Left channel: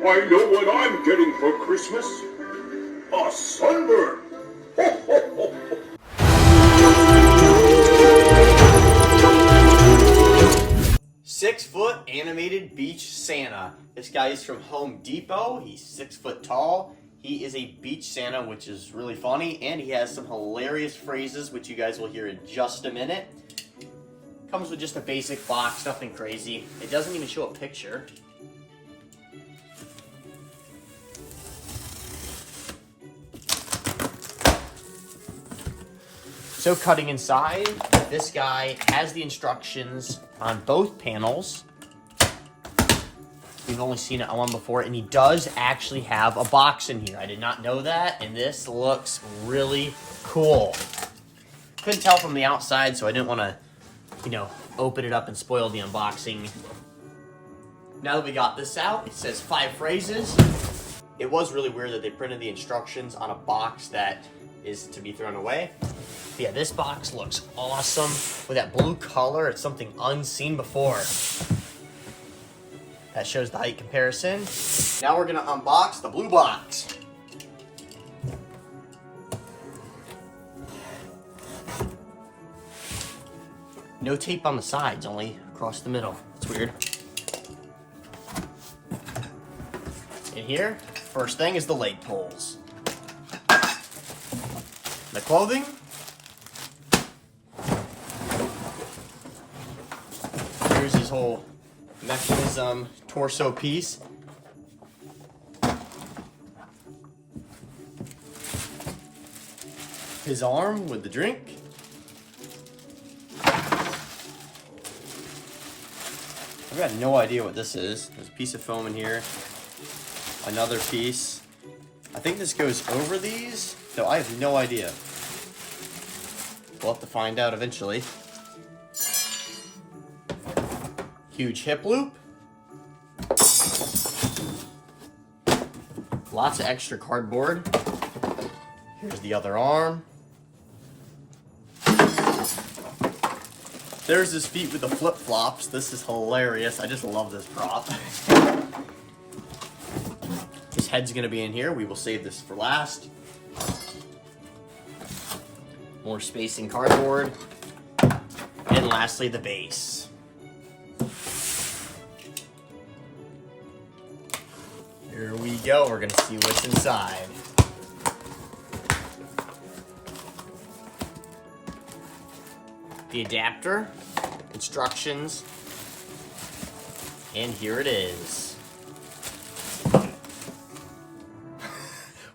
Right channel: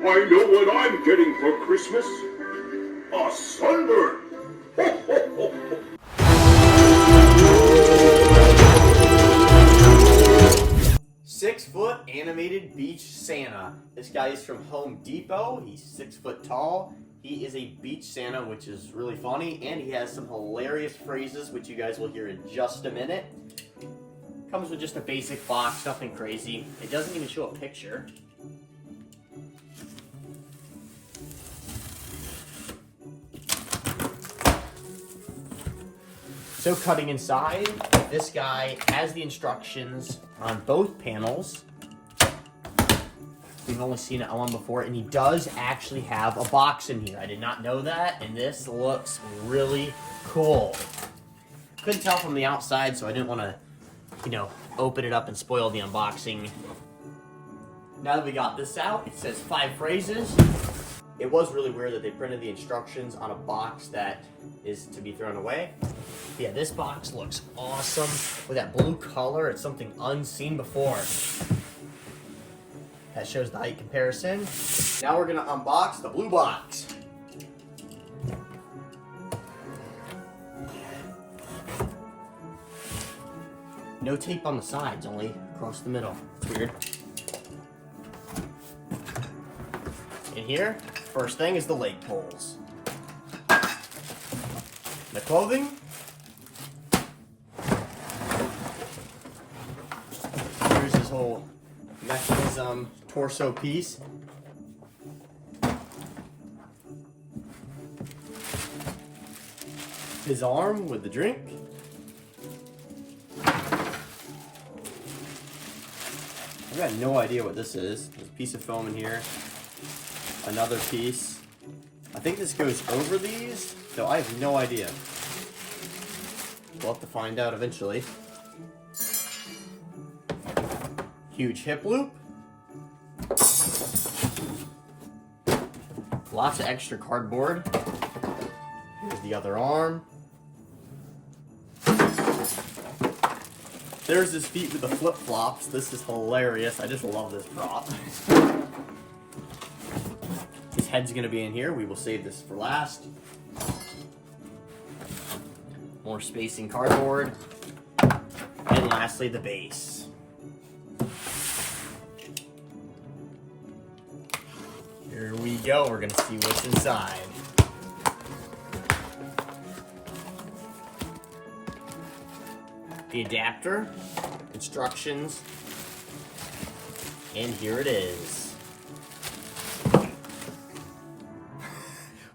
I know what I'm getting for Christmas. A sunburn. Ho, ho, ho, ho. 6-foot animated beach Santa. This guy is from Home Depot. He's 6 foot tall. He is a beach Santa, which is really funny, and he has some hilarious phrases, which you guys will hear in just a minute. Comes with just a basic box, nothing crazy. It doesn't even show a picture. So cutting inside, this guy has the instructions on both panels. We've only seen it on one before, and he does actually have a box in here. I did not know that, and this looks really cool. Couldn't tell from the outside, so I didn't want to, open it up and spoil the unboxing. Now that we got this out, it says 5 phrases. It was really weird that they printed the instructions on a box that is to be thrown away. But yeah, this box looks awesome. With that blue color, it's something unseen before. That shows the height comparison. Now we're gonna unbox the blue box. No tape on the sides, only across the middle. It's weird. In here, first thing is the leg pulls. The clothing. Here's his whole mechanism torso piece. His arm with the drink. I've got no idea what this is. There's a piece of foam in here. Another piece. I think this goes over these, though I have no idea. We'll have to find out eventually. Huge hip loop. Lots of extra cardboard. Here's the other arm. There's his feet with the flip-flops. This is hilarious. I just love this prop. His head's gonna be in here. We will save this for last. More spacing cardboard. And lastly, the base. Here we go. We're gonna see what's inside. The adapter, instructions, and here it is.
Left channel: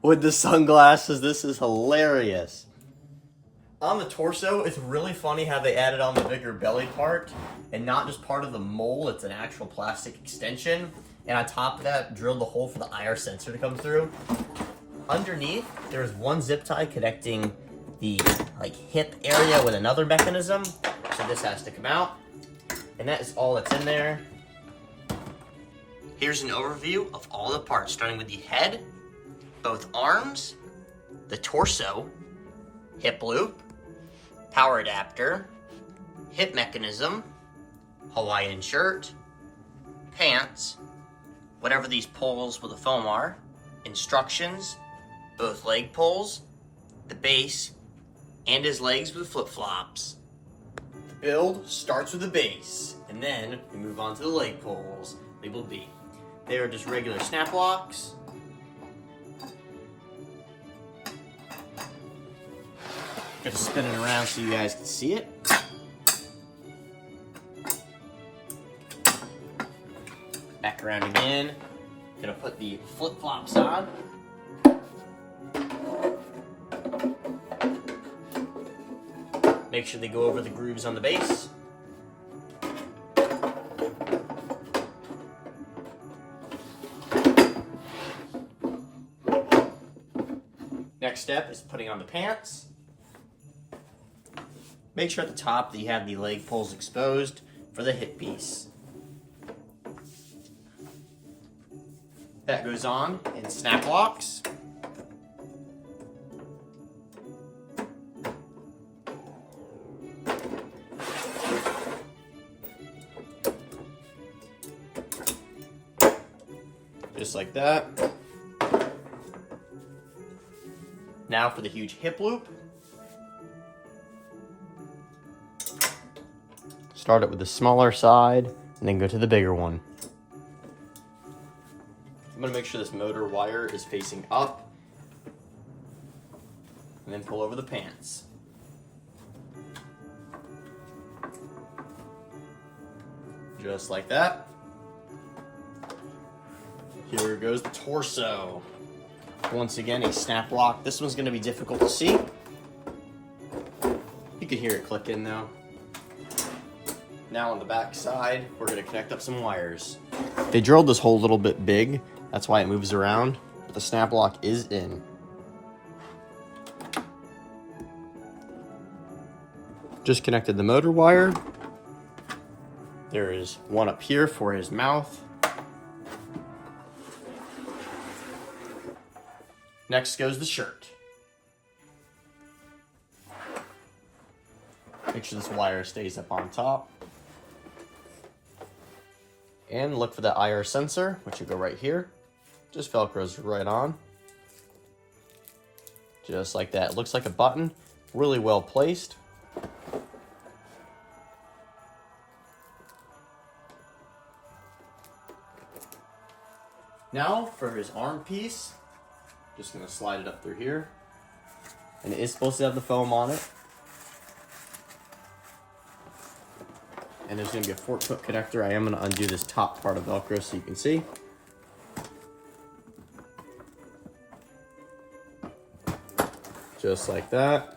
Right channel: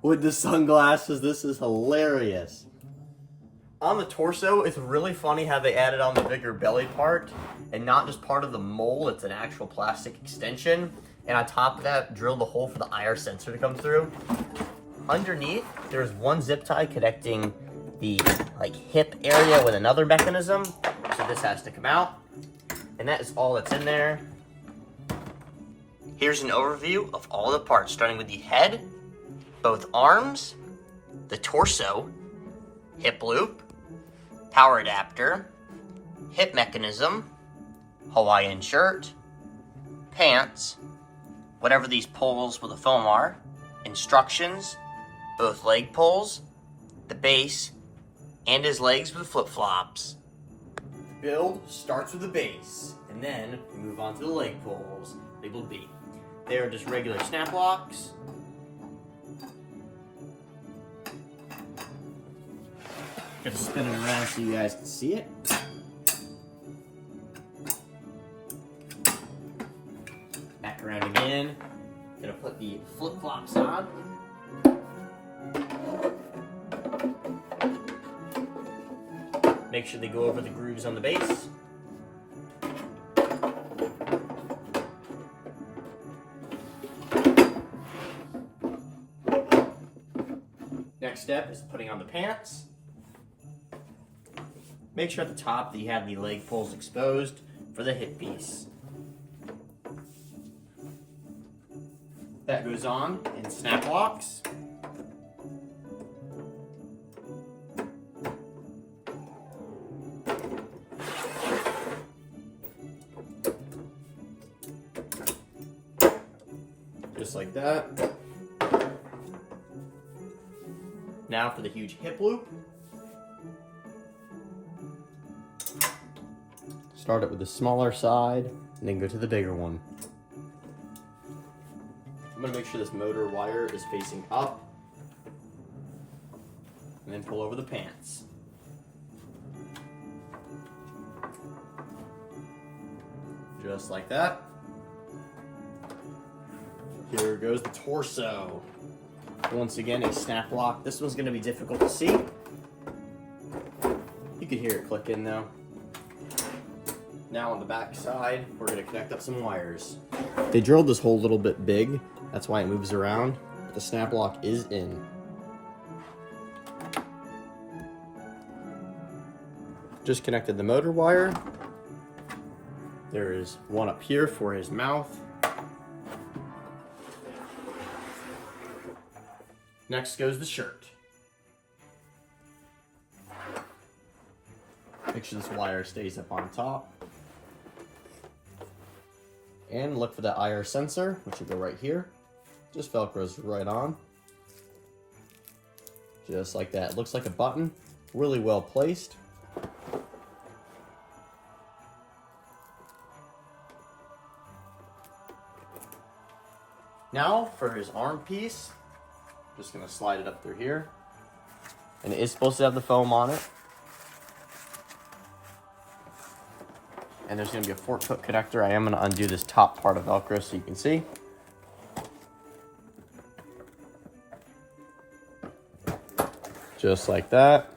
With the sunglasses, this is hilarious. On the torso, it's really funny how they added on the bigger belly part, and not just part of the mold, it's an actual plastic extension. And on top of that, drilled a hole for the IR sensor to come through. Underneath, there's one zip tie connecting the hip area with another mechanism. So this has to come out. And that is all that's in there. Here's an overview of all the parts, starting with the head, both arms, the torso, hip loop, power adapter, hip mechanism, Hawaiian shirt, pants, whatever these pulls with the foam are, instructions, both leg pulls, the base, and his legs with flip-flops. The build starts with the base, and then we move on to the leg pulls, labeled B. They are just regular snap locks. Got to spin it around so you guys can see it. Back around again. Gonna put the flip-flops on. Make sure they go over the grooves on the base. Next step is putting on the pants. Make sure at the top that you have the leg pulls exposed for the hip piece. That goes on in snap locks. Just like that. Now for the huge hip loop. Start it with the smaller side and then go to the bigger one. I'm gonna make sure this motor wire is facing up and then pull over the pants. Just like that. Here goes the torso. Once again, a snap lock. This one's gonna be difficult to see. You can hear it click in though. Now on the back side, we're gonna connect up some wires. They drilled this hole a little bit big. That's why it moves around, but the snap lock is in. Just connected the motor wire. There is one up here for his mouth. Next goes the shirt. Make sure this wire stays up on top. And look for the IR sensor, which will go right here. Just Velcros right on. Just like that. It looks like a button. Really well placed. Now for his arm piece. Just gonna slide it up through here. And it is supposed to have the foam on it. And there's gonna be a fork hook connector. I am gonna undo this top part of Velcro so you can see. Just like that.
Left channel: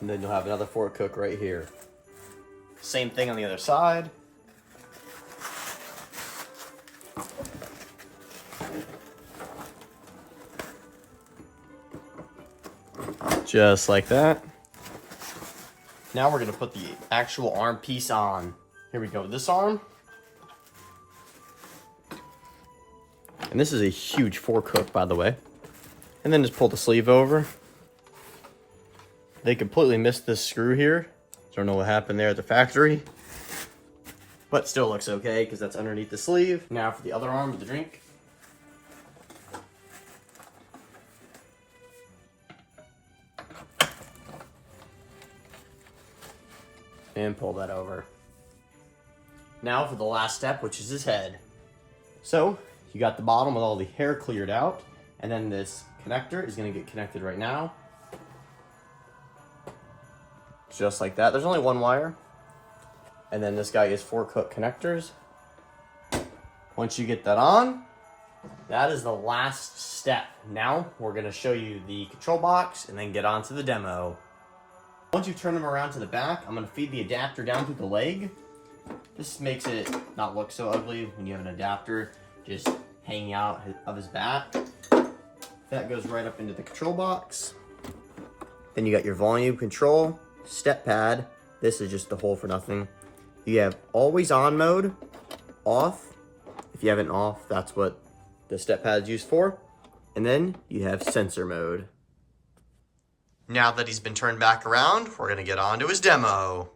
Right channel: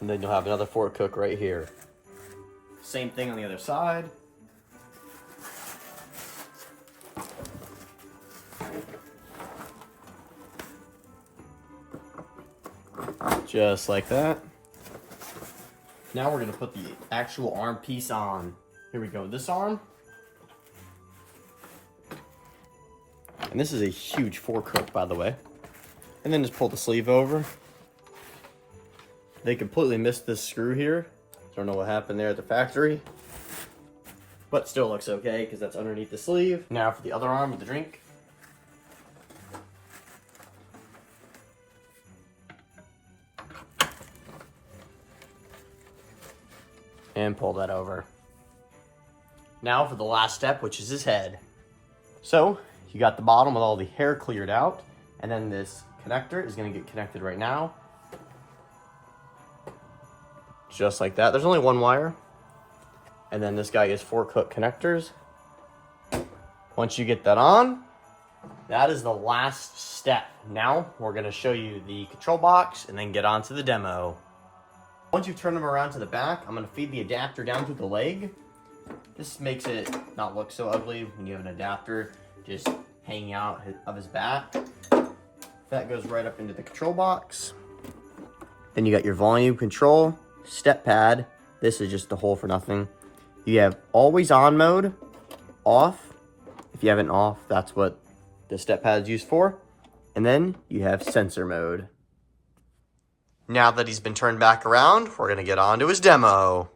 And then you'll have another fork hook right here. Same thing on the other side. Just like that. Now we're gonna put the actual arm piece on. Here we go, this arm. And this is a huge fork hook, by the way. And then just pull the sleeve over. They completely missed this screw here. Don't know what happened there at the factory. But still looks okay, because that's underneath the sleeve. Now for the other arm with the drink. And pull that over. Now for the last step, which is his head. So, you got the bottom with all the hair cleared out, and then this connector is going to get connected right now. Just like that. There's only one wire. And then this guy is fork hook connectors. Once you get that on, that is the last step. Now, we're going to show you the control box and then get on to the demo. Once you turn them around to the back, I'm going to feed the adapter down through the leg. This makes it not look so ugly when you have an adapter just hanging out of his back. That goes right up into the control box. Then you got your volume control, step pad. This is just a hole for nothing. You have always on mode, off. If you have it off, that's what the step pad's used for. And then you have sensor mode. Now that he's been turned back around, we're going to get on to his demo.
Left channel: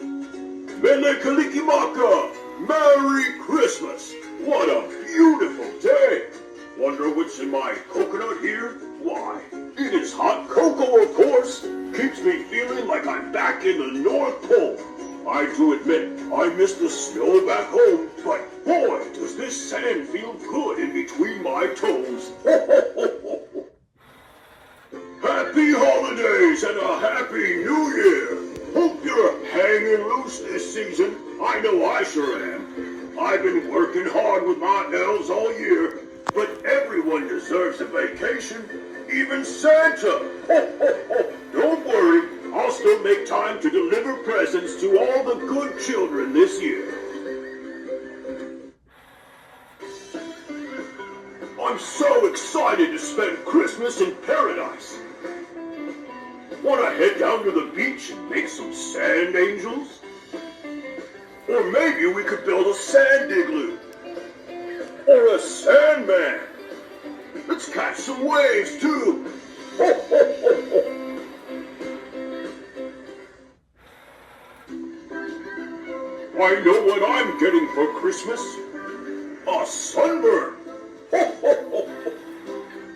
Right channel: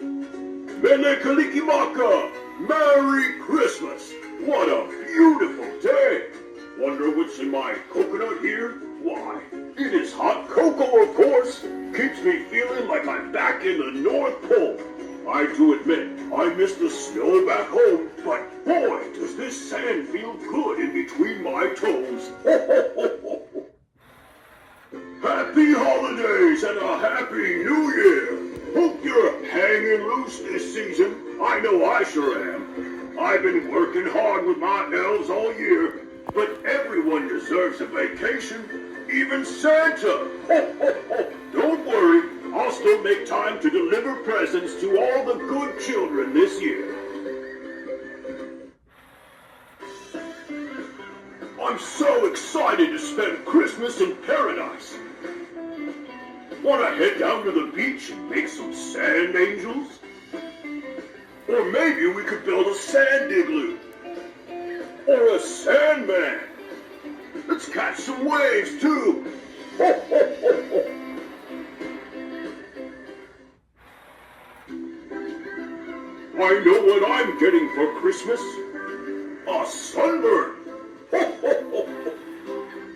Mele Kalikimaka! Merry Christmas! What a beautiful day! Wonder what's in my coconut here? Why, it is hot cocoa, of course! Keeps me feeling like I'm back in the North Pole. I do admit, I miss the snow back home, but boy, does this sand feel good in between my toes. Ho, ho, ho, ho. Happy holidays and a happy new year! Hope you're hanging loose this season. I know I sure am. I've been working hard with my elves all year, but everyone deserves a vacation, even Santa. Ho, ho, ho. Don't worry, I'll still make time to deliver presents to all the good children this year. I'm so excited to spend Christmas in paradise. Want to head down to the beach and make some sand angels? Or maybe we could build a sand igloo. Or a sandman. Let's catch some waves too. Ho, ho, ho, ho. I know what I'm getting for Christmas? A sunburn! Ho, ho, ho, ho.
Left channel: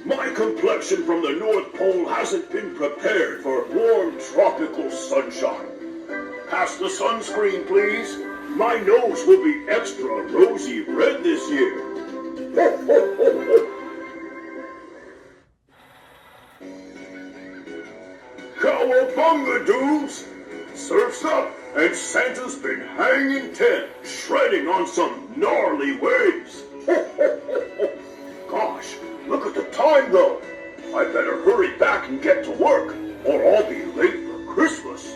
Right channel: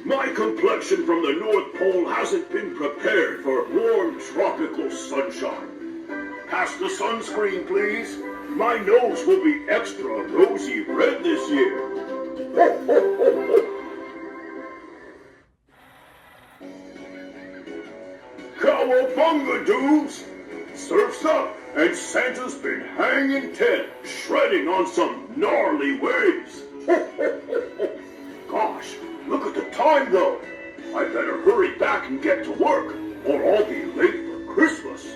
My complexion from the North Pole hasn't been prepared for warm tropical sunshine. Pass the sunscreen, please. My nose will be extra rosy red this year. Ho, ho, ho, ho. Cowabunga, dudes! Surf's up, and Santa's been hanging 10, shredding on some gnarly waves. Ho, ho, ho, ho. Gosh, look at the time, though. I better hurry back and get to work, or I'll be late for Christmas.